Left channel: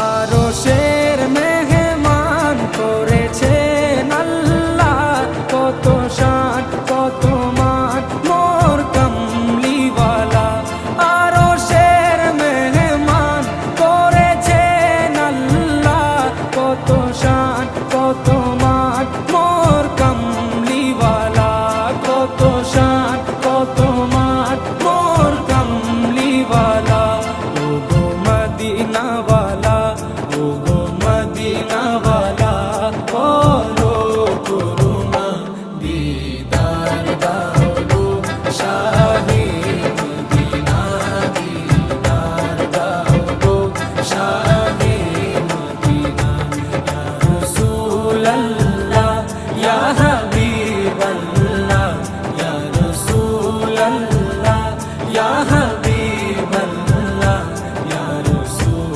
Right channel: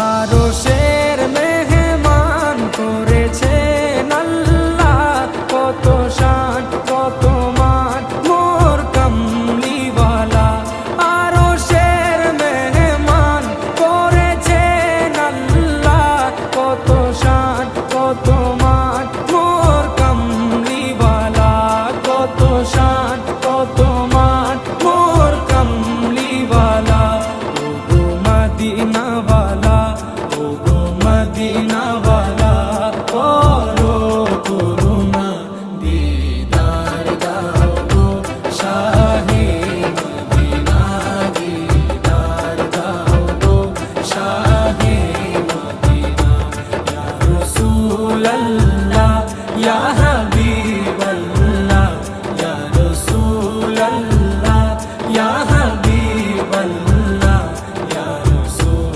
আরশের মেহমান করেছেন আল্লাহ, কত শান কত মান মোর কামলিওয়ালা। আরশের মেহমান করেছেন আল্লাহ, কত শান কত মান মোর কামলিওয়ালা, কত শান কত মান মোর কামলিওয়ালা। ও গো মদিনাওয়ালা, ও গো মদিনাওয়ালা।